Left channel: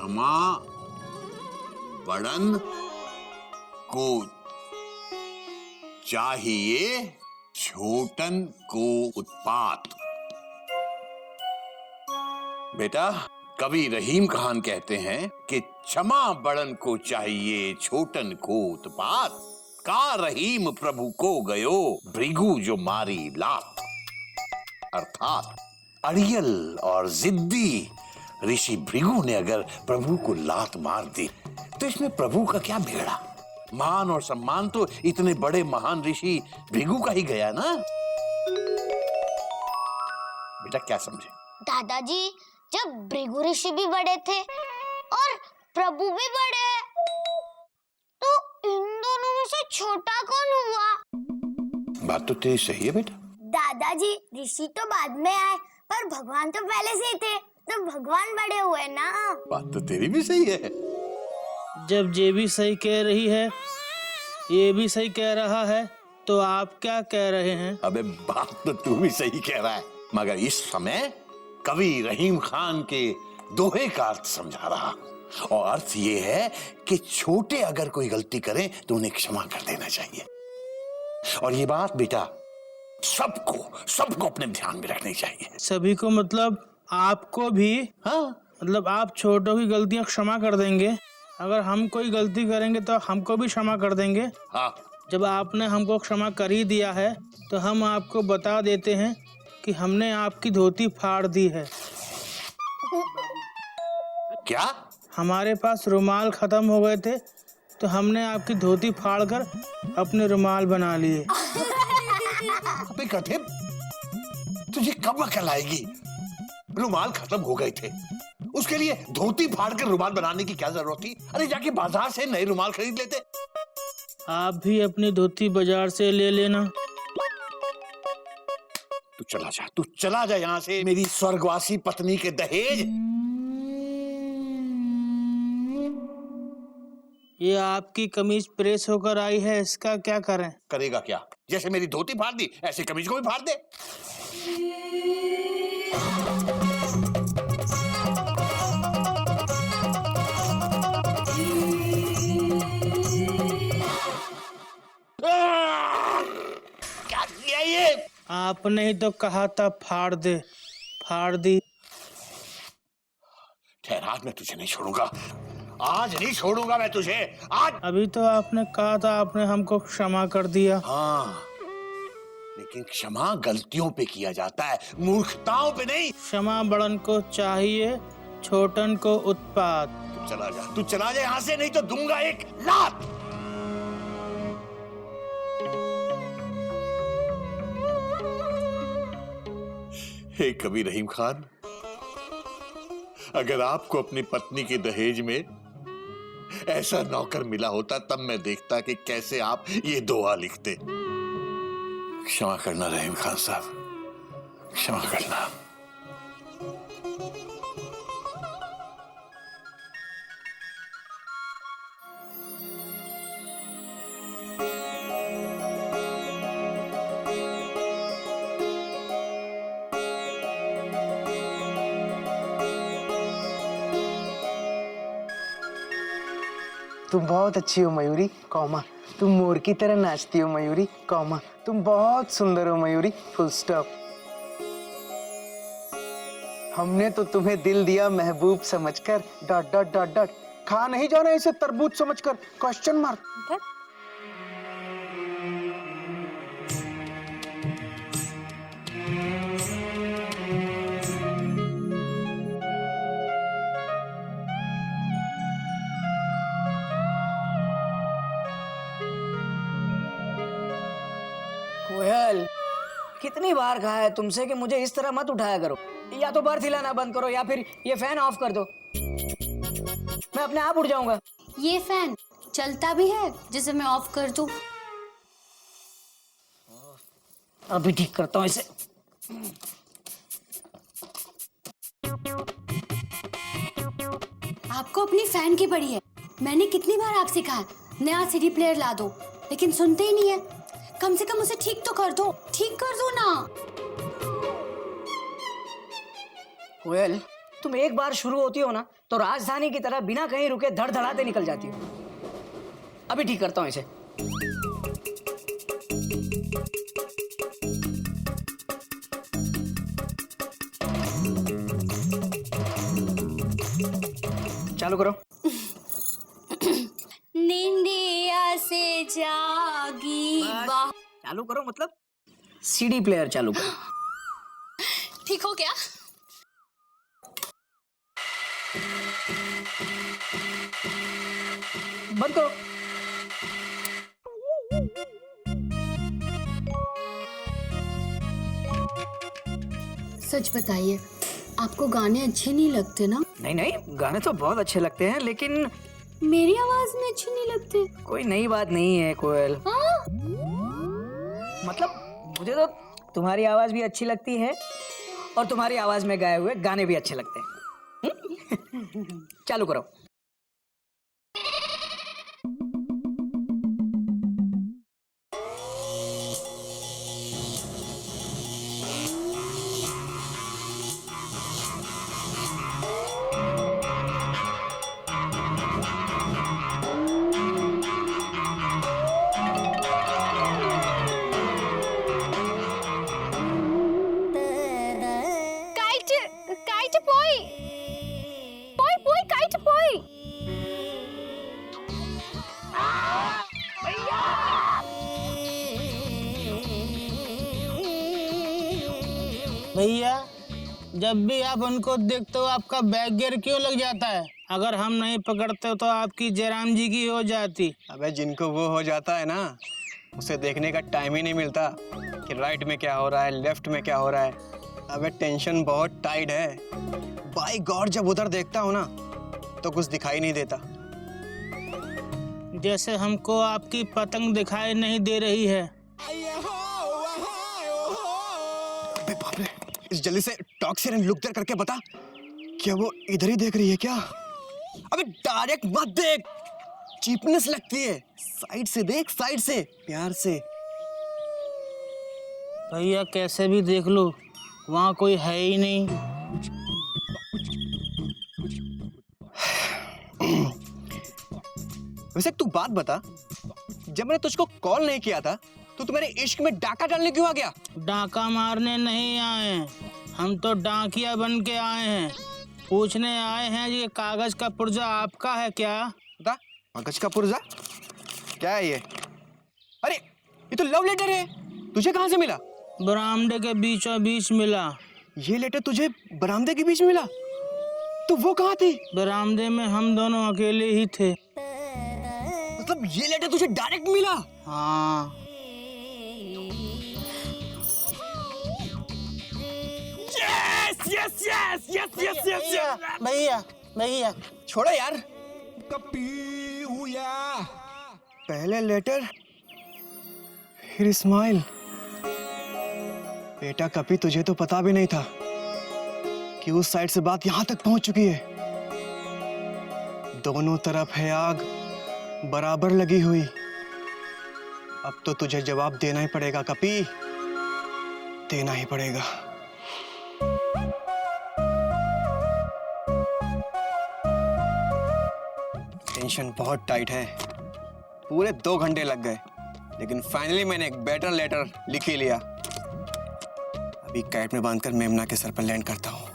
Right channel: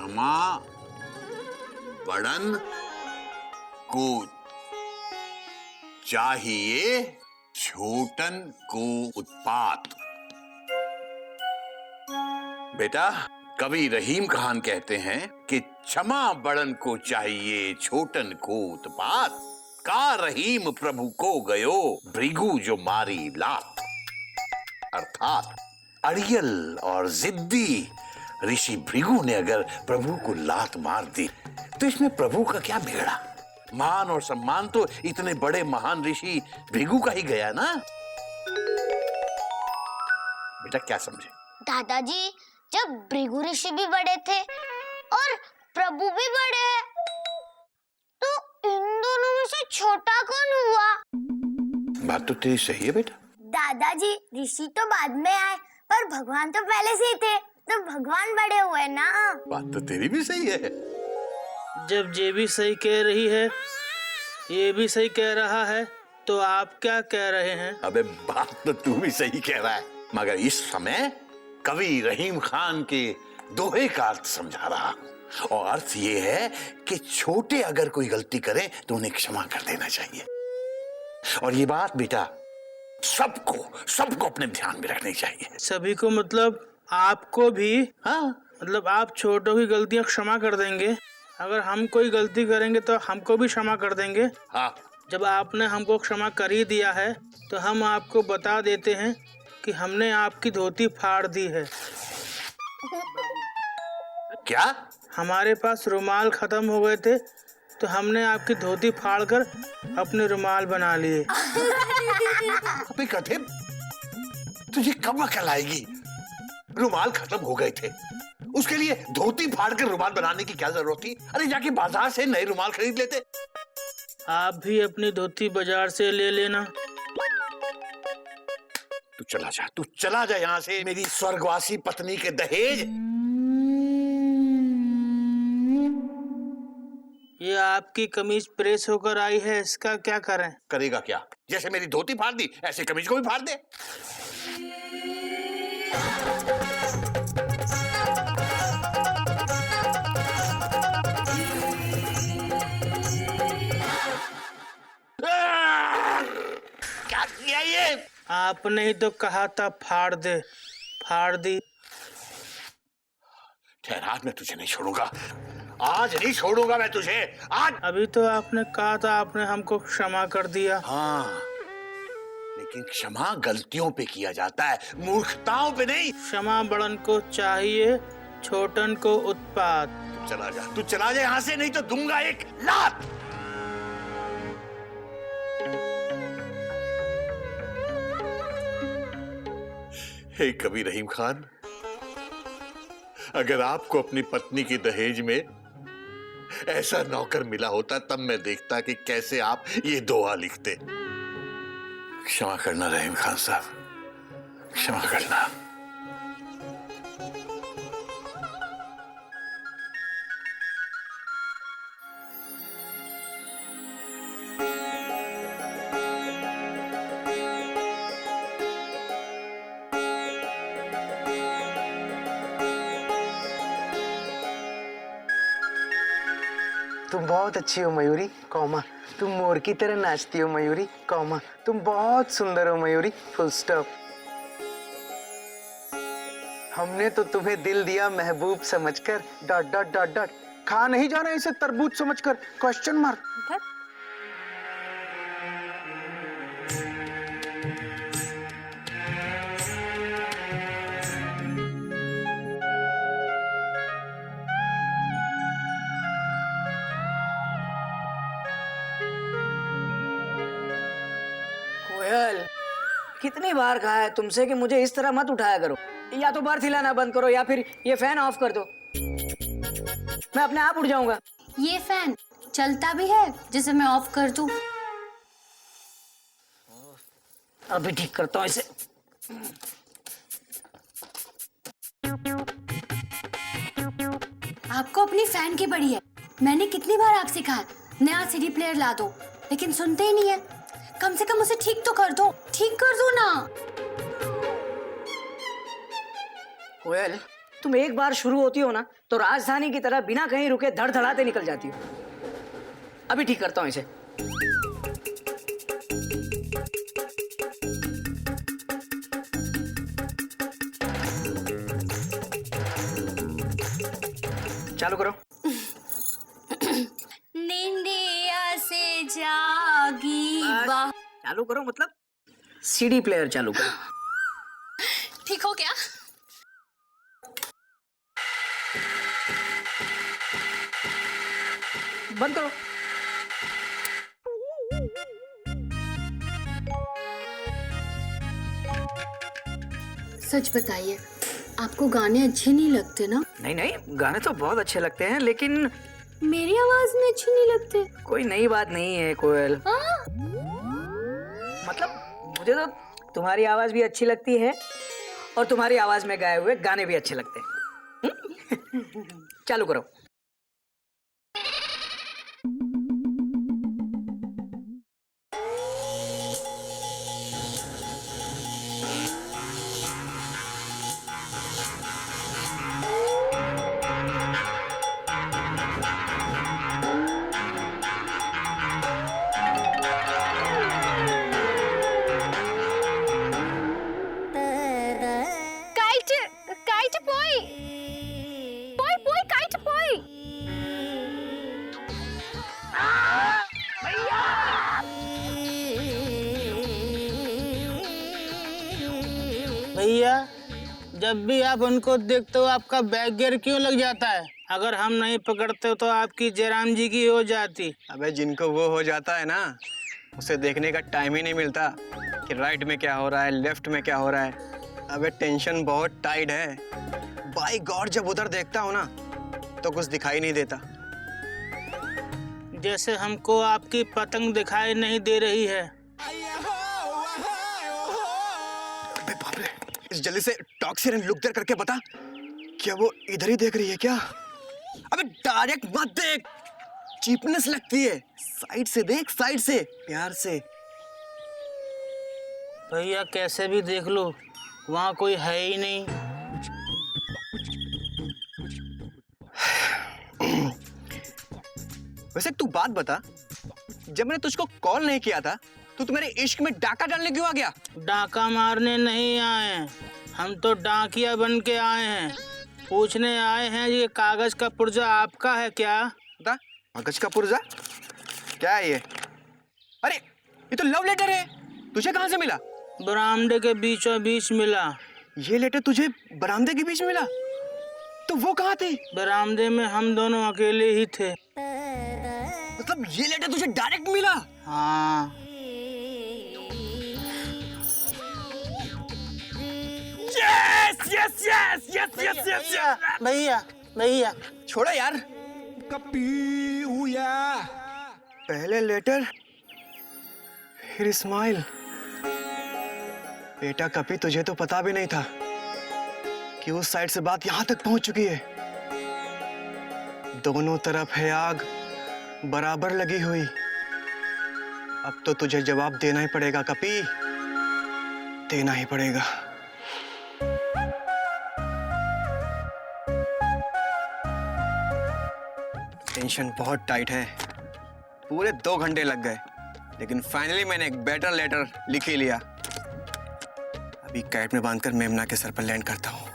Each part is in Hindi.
क्षमा बड़न को चाहिए छोटन को उत्पात। बेटा, कवि रहीम खान कहते हैं कि क्षमा बड़न को चाहिए छोटन को उत्पात, का रहीम प्रभु को गयो भृगु जो मारी लात। अर्थात अड़ियल और जिद्दी ऋषि भृगु ने अगर प्रभु को लात मार दी तो इसमें प्रभु का क्या बिगड़ा? मान और सम्मान तो इतने बड़े महान ऋषि भृगु का ही गया ना। बेटा क्या समझे? दादाजी, जब भृगु ऋषि भी बड़े थे और प्रभु भी बड़े हैं, तो इन दोनों में से छोटा कौन हुआ? बात तो तेरी सही है बेटा। दादाजी, ऋषि तो बाद में आए पर भगवान तो पहले से ही थे, तो भगवान बड़े हुए ना। बात तो तेरी भी सही है। जब ये भी सही कह रही है, ये भी सही कह रहा है, तो आप क्या कह रहे हैं? अबे बात तो तू भी सही कह रहा है, मगर इस समय कवि रहीम खान के दोहे का अर्थ समझा रहा, और अर्थ ये है कि छोटे अगर कोई गलती करें तो उन्हें क्षमा कर देना चाहिए। और ये बात बेटा सबको अपने ध्यान में रखनी चाहिए। सभी को मतलब आपको भी? हाँ, मतलब आप छोटों की गलतियां क्षमा कर देंगे, अगर हम कोई गलती करेंगे तो हमको भी क्षमा कर देंगे? हाँ। जब आपने हमको क्षमा कर ही दिया है तो हम आपको बता देते हैं कि हमने आपकी धोती फाड़ दी है। क्या? हमारे पास रुमाल खत्म हो गए थे तो हमने आपकी धोती फाड़कर अपने रुमाल बना लिए। अबे गधे, तुझे कब अकल आएगी? रुमाल खत्म हो गए थे, उसके लिए धोती फाड़ कर रुमाल बनाने की क्या जरूरत थी? अरे जाके बाजार से नए रुमाल खरीद लेते। आप भी अपनी धोती बाजार से ले लेना। तू चला जा यहाँ से, मेरी स्वर्गवासी पत्नी के दहेज। ये आपकी कमीज प्रेस होकर आई है, इसका क्या करें? करेगा क्या? जैसे मेरी धोती फाड़ दी ऐसे कमीज को भी फाड़ दे। क्या किया ये? आपने ही तो कहा था फाड़ दे, फाड़ दी। ठहरा, मैं तुझे नहीं छोड़ूंगा, आज नहीं छोड़ूंगा मैं तुझे, आज। अभी तो आपने कहा था आपने हमको क्षमा कर दिया। हाँ, लेकिन क्षमा गलतियों पे किया जाता है, मूर्खताओं पे नहीं। क्षमा बड़न को चाहिए छोटन को उत्पात। तू चला जा यहाँ से, नहीं तो दूंगा एक लात। हे कवि रहीम खान, अगर आपको अपनी पत्नी के दहेज में ऐसा नौकर मिला होता तब मैं देखता कि कैसे आप ये दोहा लिखते। क्षमा करना रहीम खान साहब, क्षमा करना। तुम बहुत अच्छी हो मयूरी, कौमा। तुम मोर की तरह नाचती हो मयूरी, कौमा। तुम बहुत सुंदर हो मयूरी, फुल स्टॉप। हमने तो तुम्हें दिल दिया महबूब समझकर, डॉट डॉट डॉट डॉट। खा नहीं जाना इसे तरबूज समझकर, क्वेश्चन मार्क। कोयल, कितनी बार कहा है तुमसे कि मुझे इस तरह मत उठाया करो। या तो बर्थ हिलाना बंद करो या फिर ये फैन ऑफ कर दो, मैं अपने आप उड़ जाऊंगा। ये फैन चलता भी है जिसे मैं ऑफ कर दूं? अभी ठीक करता हूँ इसे। आपको अपनी फैन की पड़ी है। मैंने कितनी बार आपसे कहा नया सीडी प्लेयर ला दो, लेकिन सुनते ही नहीं है। कम से कम उसे ठीक तो कर दो, ठीक कर दो ना। कोयल, तुम एक बार शुरू होती हो ना तो राजधानी की तरह बिना कहीं रुके धड़धड़ाते निकल जाती हो। अभी ठीक करता हूँ इसे। चालू करो। निंदिया से जागी वाह। चालू करो मतलब सीडी प्लेयर चालू करो। ठीक हो क्या? बंद करो। सच बताइए, आपको गाने अच्छे नहीं लगते ना? नहीं नहीं, गाने तो बहुत अच्छे लगते हैं, लेकिन मेरी आवाज में अच्छे नहीं लगते। कोई नई बात नहीं है कोयल। हाँ? मतलब मुझे तो तुम्हारी आवाज भी अच्छी लगती है और तुम्हारी आवाज में गाए हुए गाने भी अच्छे लगते हैं। चालू करो। Kite boy. Boy, kite boy. भैया, जब भी आप उनको देखते हो आपका बैक गियर क्यों लग जाता है? अगर हम नहीं पकड़ते तो आपकी जयराम जी की हो जाती। अबे जिनको वो हो जाता है ना, उसे देखने का टाइम ही नहीं मिलता कि राइट में क्या हो रहा है, लेफ्ट में क्या हो रहा है। अबे टेंशन बहुत टाइट है। बाय गॉड, जब उधर देखता हूँ ना तो कुछ दिखाई नहीं देता। जैसे हमको आपकी पतंग दिखाई नहीं दे रही है। अबे बाप रे, इस जल्दी से टॉक्सिन एंड लुक देयर करके बता, क्या वो इधर ही देख रही है क्या? अबे डायरेक्ट मत देख, चीपनेस लगती है। साइड से देख, साइड से, प्यार से। भैया कैसे भी देख लो, वहाँ कोई है ही नहीं। वैसे तू बात बता, जब मैंने तुझको कॉल नहीं किया था तो तू मेरे इश्क में डाका डालने क्यों आ गया? डाका मारने नहीं आए हैं, हम तो डाकिया बन के आए हैं। पूछने आए हैं ये कागज का पुर्जा आपका है क्या? बता, कागज का पुर्जा क्या है ये? अरे ये तो लव लेटर है, तुझे कहाँ से मिला? बरामदे के बीचों बीच मिला। ये लेटर तुझे बरामदे के बीच में मिला? तो वो कहाँ थी? बरामदे में हम दोनों अकेले ही थे। मतलब ये लेटर तुझे डायरेक्ट मिला? हाँ। Yes yes yes yes yes yes yes. भैया भैया छोड़ो यार। पहले लेटर फिर स्माइल। बेटा कभी तुझे तो पता भी नहीं था कि उस साइड से बात यहां तक पहुंच चुकी है। दोनों तरफ है आग बराबर लगी हुई। अब तो तुझे जवाब देना ही पड़ेगा कपी, देना ही पड़ेगा। टेंशन बहुत टाइट है, पूरे 2 घंटे लग गए, लेकिन फाइनली मैंने एक बेटर लेटर लिख ही लिया। अभी कैट में बांधकर मेमना के सर पर लैंड करता हूँ।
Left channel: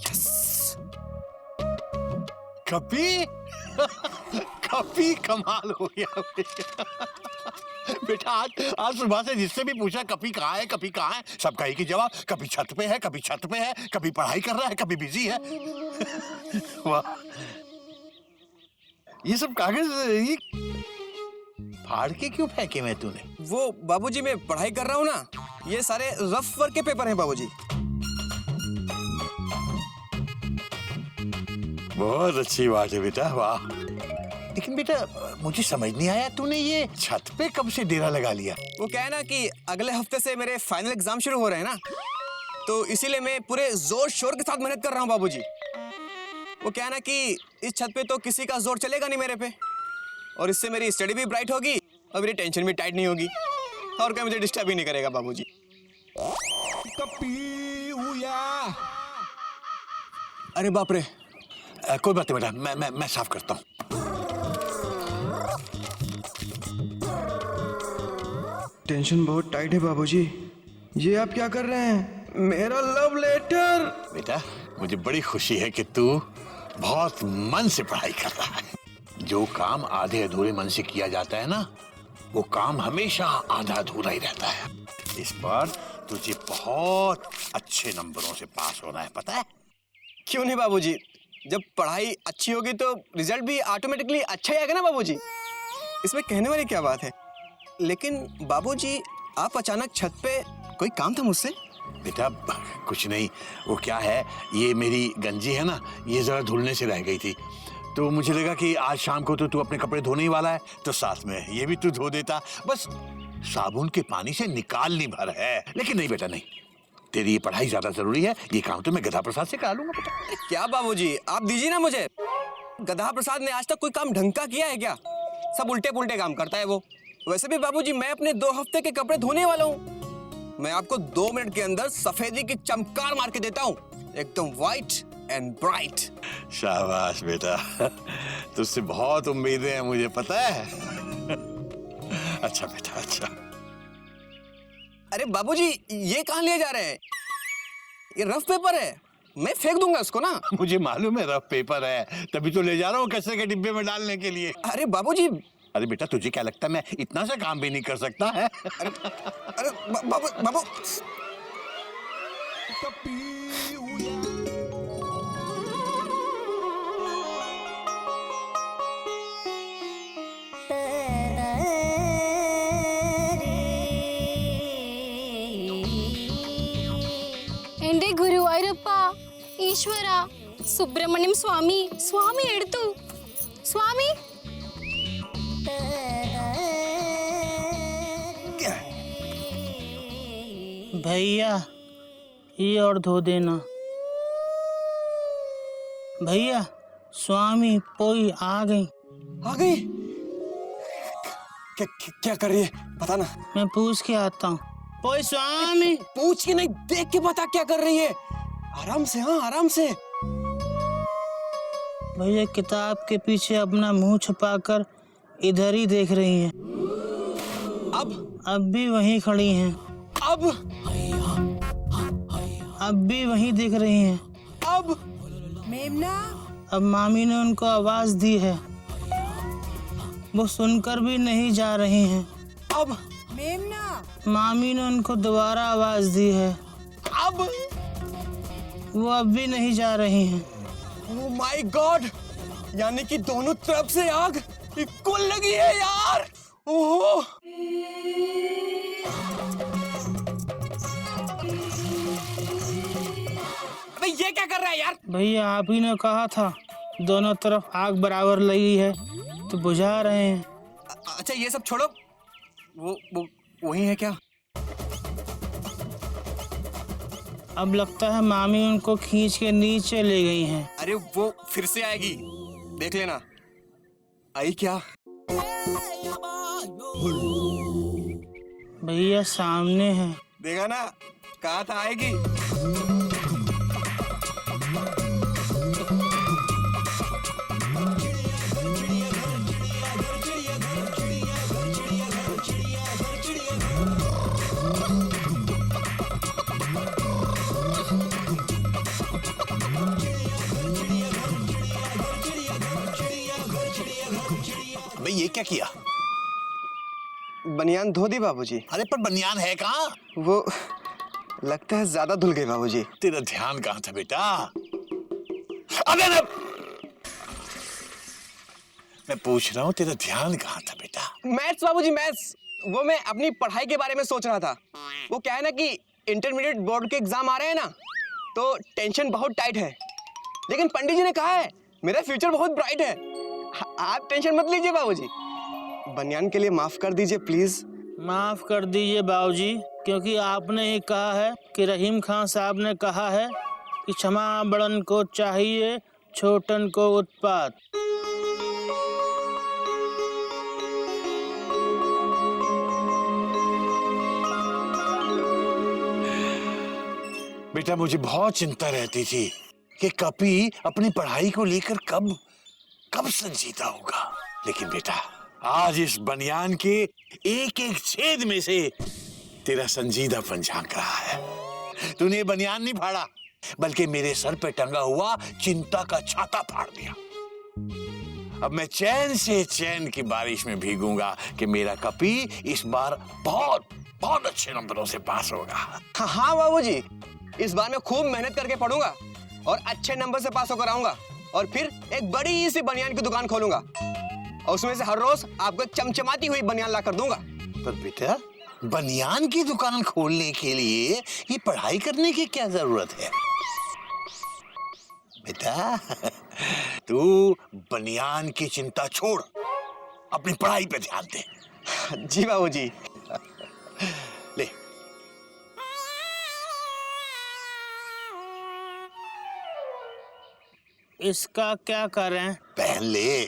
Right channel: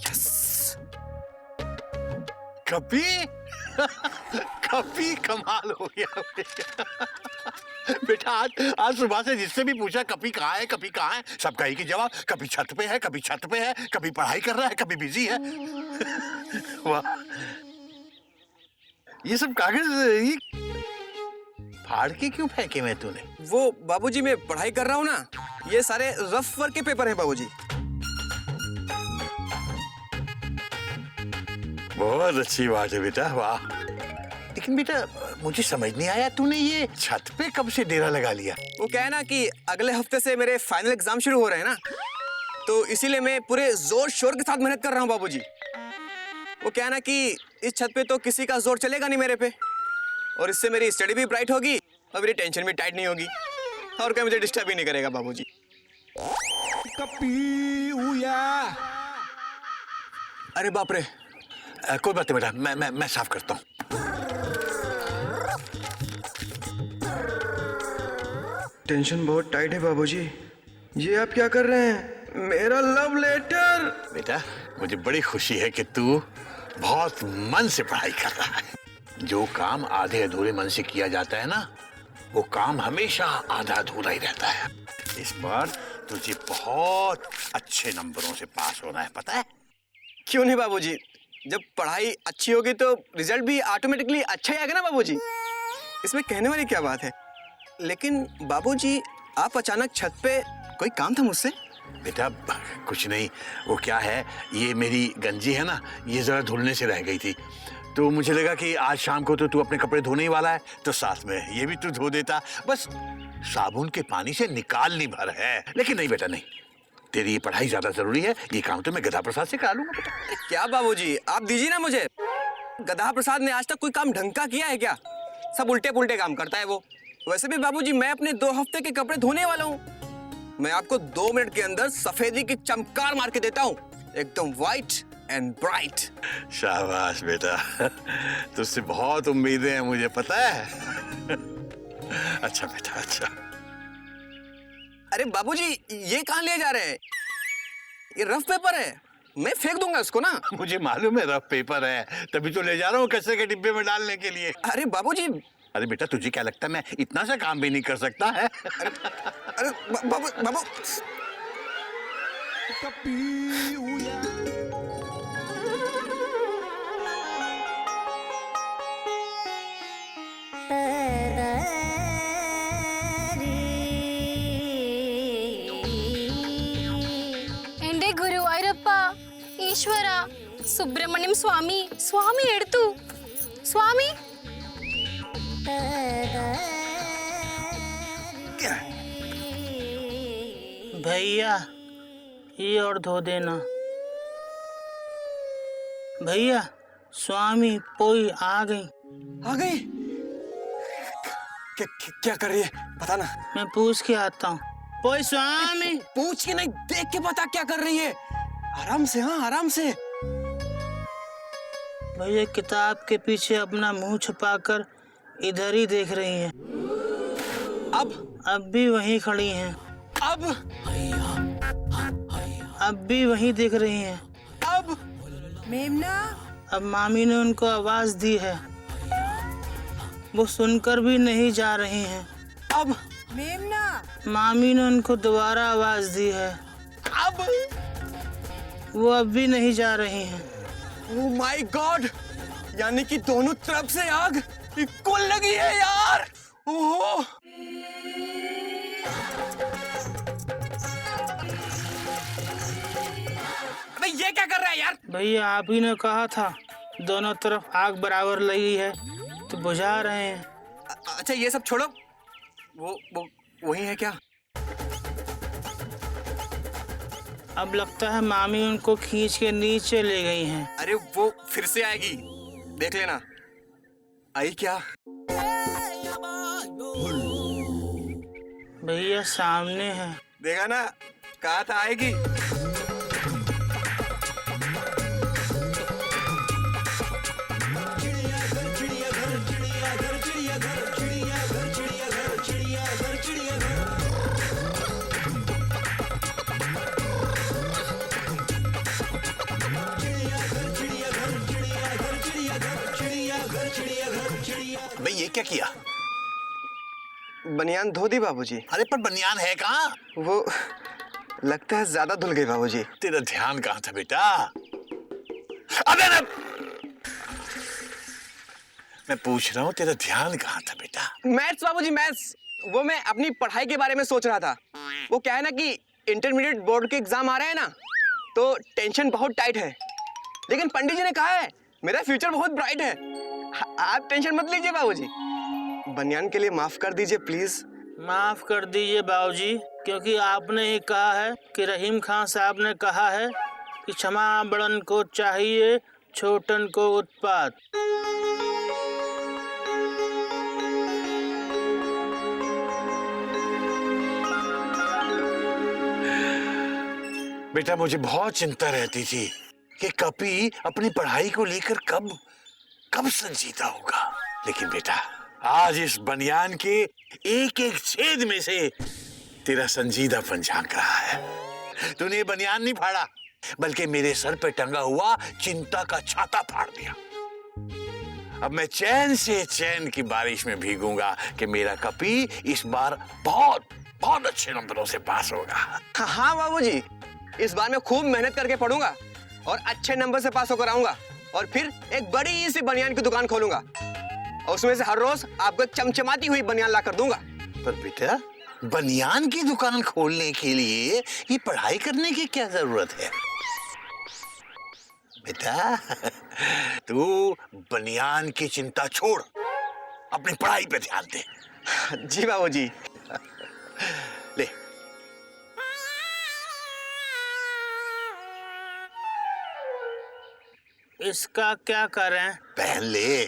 यस। कपी कपी कमाल हो गया बेटा। आज सुबह से जिससे भी पूछा कपी कहाँ है, कपी कहाँ है, सब कही की जवाब कभी छत पे है, कभी छत पे है, कभी पढ़ाई कर रहा है, कभी बिजी है। वाह, ये सब कागज ये फाड़ के क्यों फेंके मैं तूने? वो बाबूजी, मैं पढ़ाई कर रहा हूँ ना, ये सारे रफ वर्क के पेपर हैं बाबूजी। बहुत अच्छी बात है बेटा, वाह। लेकिन बेटा मुझे समझ नहीं आया, तूने ये छत पे कब से डेरा लगा लिया? वो क्या है ना कि अगले हफ्ते से मेरे फाइनल एग्जाम शुरू हो रहे हैं ना, तो इसीलिए मैं पूरे जोर शोर के साथ मेहनत कर रहा हूँ बाबूजी। वो क्या है ना कि इस छत पे तो किसी का जोर चलेगा नहीं मेरे पे, और इससे मेरी स्टडी भी ब्राइट होगी और मेरी टेंशन भी टाइट नहीं होगी, और कोई मुझे डिस्टर्ब ही नहीं करेगा बाबूजी। अरे बाप रे। कोई बात नहीं बेटा, मैं साफ करता हूँ। टेंशन बहुत टाइट है बाबूजी। ये आप क्या कर रहे हैं? मेरा लव लेटर। बेटा मुझे बड़ी खुशी है कि तू बहुत मन से पढ़ाई कर रहा है। जो काम आधे अधूरे मन से किया जाता है ना, वो काम हमेशा आधा अधूरा ही रहता है। इस बार तुझे बहुत अच्छे नंबरों से पास होना है, पता है? क्यों नहीं बाबूजी, जब पढ़ाई अच्छी होगी तो रिजल्ट भी ऑटोमेटिकली अच्छा ही आएगा ना बाबूजी। इसमें कहने वाली क्या बात है। लेकिन बाबूजी आप अचानक छत पे, कोई काम था मुझसे? बेटा कुछ नहीं, वो क्या है, ये मेरी गंजी है ना, ये जरा धुलने से रह गई थी, तो मुझे लगा कि आज शाम को तो तू अपने कपड़े धोने ही वाला है, तो साथ में ये भी तू धो देता। बस साबुन के पानी से निकालनी भर है। लेकिन नहीं बेटा नहीं, तेरी ये पढ़ाई ज्यादा जरूरी है, ये काम तो मैं गधा प्रसाद से करा लूंगा बेटा। क्या बाबूजी, आप दीजिए ना मुझे। गधा प्रसाद ने आज तक कोई काम ढंग का किया है क्या? सब उल्टे पुल्टे काम करता है वो। वैसे भी बाबूजी मैं अपने 2 हफ्ते के कपड़े धोने वाला हूँ। मैं आपको 2 मिनट के अंदर सफेदी की चमकार मार के देता हूँ, एकदम व्हाइट एंड ब्राइट। शाबाश बेटा, तुझसे बहुत उम्मीदें हैं मुझे पता है। अच्छा बेटा अच्छा। अरे बाबूजी ये कहाँ ले जा रहे हैं? ये रफ पेपर है, मैं फेंक दूंगा इसको ना। मुझे मालूम है रफ पेपर है, तभी तो ले जा रहा हूँ कचरे के डिब्बे में डालने के लिए। अरे बाबूजी। अरे बेटा तुझे क्या लगता है मैं इतना सा काम भी नहीं कर सकता है? अरे बाबू ಎಂಡೆ ಗುರುವಾಯೂರಪ್ಪ ಈಶ್ವರ ಸುಬ್ರಹ್ಮಣ್ಯಂ ಸ್ವಾಮಿ ಸ್ವಾಮಿ ಎಡ್ತು ಸ್ವಾಮಿ भैया ये और धो देना। भैया स्वामी पोई आ गई। आ गई? क्या कर रही है पता ना। मैं पूछ के आता हूँ। पोई स्वामी। पूछ के नहीं, देख के बता क्या कर रही है। आराम से, हाँ आराम से। भैया किताब के पीछे अपना मुंह छुपाकर इधर ही देख रही हैं। अब भी वहीं खड़ी हैं। अब भी वहीं दिख रही हैं। मेमना। अब मामी ने उनको आवाज दी है, वो सुनकर भी नहीं जा रही हैं। मेमना। मामी ने उनको दोबारा आवाज दी है, वो अब भी नहीं जा रही हैं। ओह माय गॉड, यानी कि दोनों तरफ से आग इक्वल लगी है यार। ओहो। अबे ये क्या कर रहा है यार? भैया आप ही ने कहा था दोनों तरफ आग बराबर लगी है तो बुझा रहे हैं। अच्छा ये सब छोड़ो, वो वही है क्या? अब लगता है मामी उनको खींच के नीचे ले गई हैं। अरे वो फिर से आएगी, देख लेना। आई क्या? भैया सामने है। देखा ना, कहा था आएगी। भाई ये क्या किया? बनियान धो दी बाबूजी। अरे पर बनियान है कहाँ? वो लगता है ज्यादा धुल गई बाबूजी। तेरा ध्यान कहाँ था बेटा? अबे मैं पूछ रहा हूँ तेरा ध्यान कहाँ था बेटा? मैथ्स बाबूजी, मैथ्स। वो मैं अपनी पढ़ाई के बारे में सोच रहा था। वो क्या है ना कि इंटरमीडिएट बोर्ड के एग्जाम आ रहे हैं ना, तो टेंशन बहुत टाइट है। लेकिन पंडित जी ने कहा है मेरा फ्यूचर बहुत ब्राइट है। आप टेंशन मत लीजिए बाबूजी। बनियान के लिए माफ कर दीजिए प्लीज। माफ कर दीजिए बाबूजी, क्योंकि आपने ही कहा है कि रहीम खान साहब ने कहा है कि क्षमा बड़न को चाहिए, छोटन को उत्पात। बेटा मुझे बहुत चिंता रहती थी कि कपी अपनी पढ़ाई को लेकर कब कब संजीदा होगा। लेकिन बेटा, आज इस बनियान के एक एक छेद में से तेरा संजीदापन झांक रहा है। तूने बनियान नहीं फाड़ा, बल्कि मेरे सर पे टंगा हुआ चिंता का छाता फाड़ दिया। अब मैं चैन से चैन की बारिश में भीगूंगा कि मेरा कपी इस बार बहुत बहुत अच्छे नंबरों से पास होगा। हाँ बाबूजी, इस बार मैं खूब मेहनत करके पढ़ूंगा और अच्छे नंबर से पास होकर आऊंगा और फिर एक बड़ी सी बनियान की दुकान खोलूंगा और उसमें से हर रोज आपको एक चमचमाती हुई बनियान ला कर दूंगा। पर बेटा, बनियान की दुकान खोलने के लिए ये पढ़ाई करने की क्या जरूरत है? बेटा, तू बनियान की चिंता छोड़, अपनी पढ़ाई पे ध्यान दे। जी बाबूजी। ले, इसका क्या करें? पहन ले।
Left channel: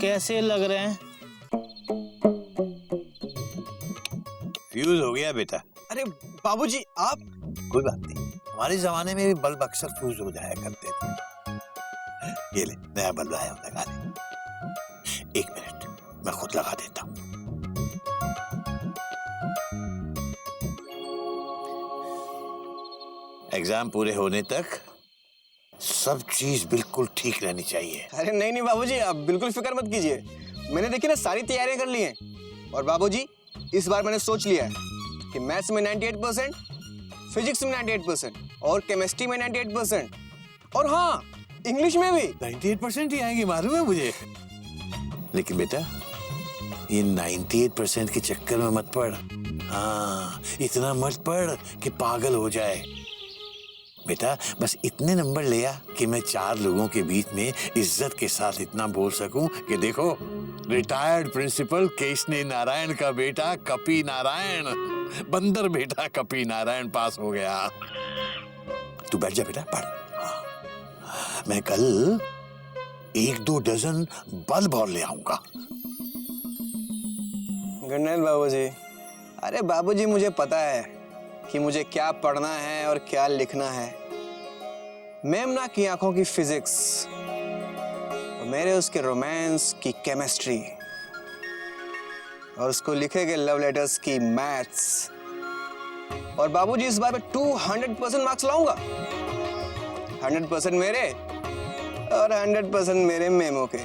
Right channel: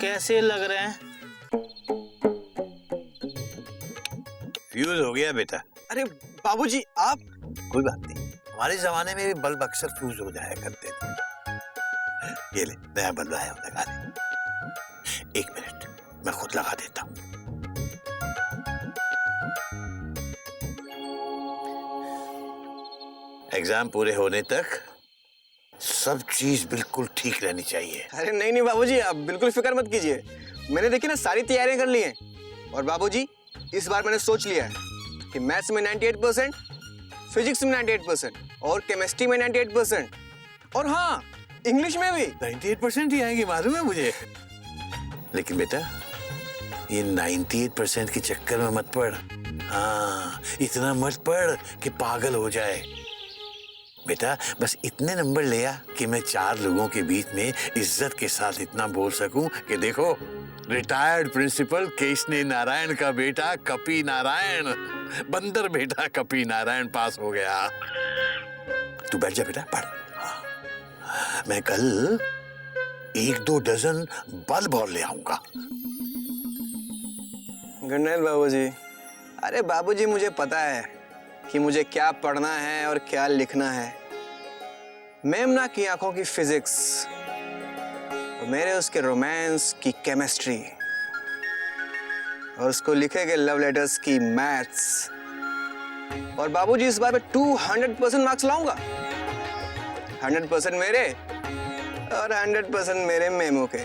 कैसे लग रहे हैं? फ्यूज हो गया बेटा। अरे बाबूजी, आप कोई बात नहीं, हमारे जमाने में भी बल्ब अक्सर फ्यूज हो जाया करते थे। ये ले, नया बल्ब आया हूं, लगा ले। 1 मिनट, मैं खुद लगा देता हूं। एग्जाम पूरे होने तक सब चीज बिल्कुल ठीक रहनी चाहिए। अरे नहीं बाबूजी, आप बिल्कुल फिक्र मत कीजिए। मैंने देखिए ना सारी तैयारियां कर ली हैं और बाबूजी इस बार मैंने सोच लिया है कि मैथ्स में 98%, फिजिक्स में 98% और केमिस्ट्री में 98% और हाँ, इंग्लिश में भी 98% ही आएंगे, मालूम है मुझे। लेकिन बेटा, ये 98% के चक्कर में मत पड़। हाँ, इतना मत पड़ कि पागल हो जाए। बेटा, बस इतने नंबर ले आ कि मैं 4 लोगों के बीच में इज्जत के साथ इतना बोल सकूं कि देखो, रिटायर्ड प्रिंसिपल केशनी नारायण का बेटा कपी नारायण, बंदर बेटा कपी नारायण पास हो गया। तू बैठ जा बेटा, पढ़। हाँ, मैं कल 1-2 डजन बल्ब और ले आऊंगा। गुड नाइट बाबूजी। अरे बाबूजी, मुझे पता है कि मुझे क्या पढ़ना है और क्या लिखना है। मेमना की आंखों की फिजिक्स और मेरे उसके रोमांस की केमिस्ट्री और उसको लिखे गए लव लेटर्स की मैथ्स। और बाबूजी, इस बार मैं 200% मार्क्स लाऊंगा। 100% मेरे और 100% मेरे मेमो के।